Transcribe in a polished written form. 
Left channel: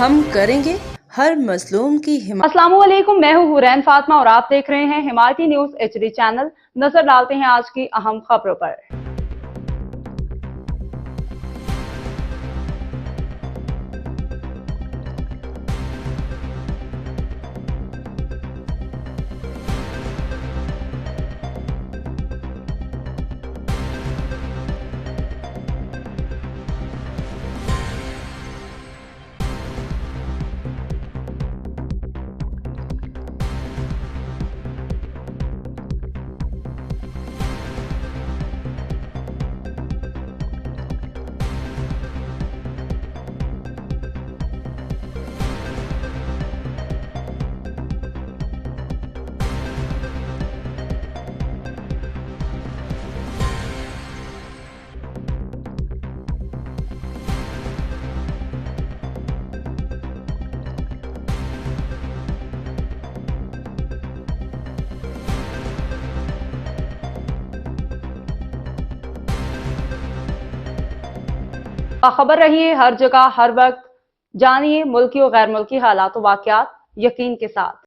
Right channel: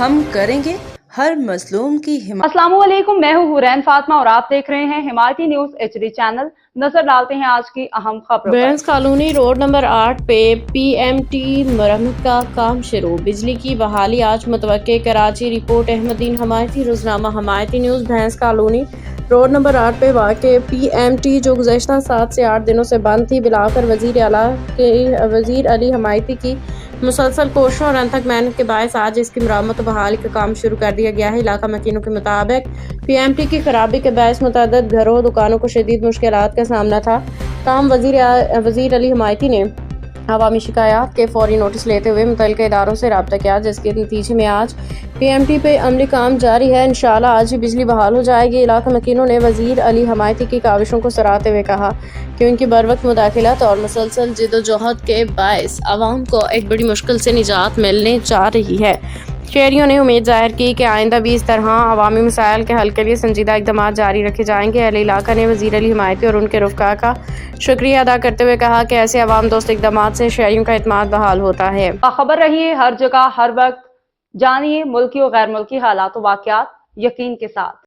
हम करेंगे हर मजलूम की हिमायत। अस्सलामुअलैकुम, मैं हूँ हुरैन फातिमा और आप देख रहे हैं हिमायती न्यूज एचडी चैनल। नजर डालते हैं आज की अहम खबरों पर। बैंस कॉलोनी रोड नंबर 8 पे पीएमटी मरम्मत का काम शुरू। बिजली की बहाली आज मुतवक्के। कराची रिपोर्ट अहमदीन हमायती रोजनामा Hamayati news. Bains colony road number 8 पे वाक़े पीएमटी जो गुज़श्ता 7 से 8 दिनों से बंद थी, बिलाकर वज़ीर अली हमायती की मुसलसल कोशिशों और अनथक मेहनत के बायस आज इसकी मरम्मत और बहाली का काम शुरू कर दिया गया है। इलाका मकीनों के मुताबिक पीएमटी की खराबी के बायस मुतअद्दिद घरों दुकानों को शदीद मुश्किलात का सामना था। ताहम वज़ीर अली हमायती ने अवामी शिकायत के फौरी नोटिस लेते हुए मुतल्लिका इदारों से रब्ता किया, जिसके नतीजे में आज पीएमटी पे अमली काम जारी है। इंशाअल्लाह आज ही बिजली बहाल हो जाएगी। इलाका मकीनों ने वज़ीर अली हमायती की काविशों को सराहते हुए कहा कि उनकी बरवक्त मुदाखिलत और मुसलसल जिद्दोजहद के बायस आवाम को एक बड़ी मुश्किल से निजात मिलने जा रही है। शहरियों ने उम्मीद जाहिर की कि आइंदा भी इस तरह अवामी मसाइल के हल के लिए संजीदा इक़दाम जारी रखे जाएंगे। अहले इलाका ने वज़ीर अली हमायती और उनके रुफ़का का शुक्रिया अदा करते हुए कहा कि ऐसे अवाम दोस्त इक़दाम से शहरियों का एतमाद बहाल होता है। खबर रहिए हर जगह हर वक्त, जानिए मुल्की और गैर मुल्की हालात वाक़यात यकीन के साथ।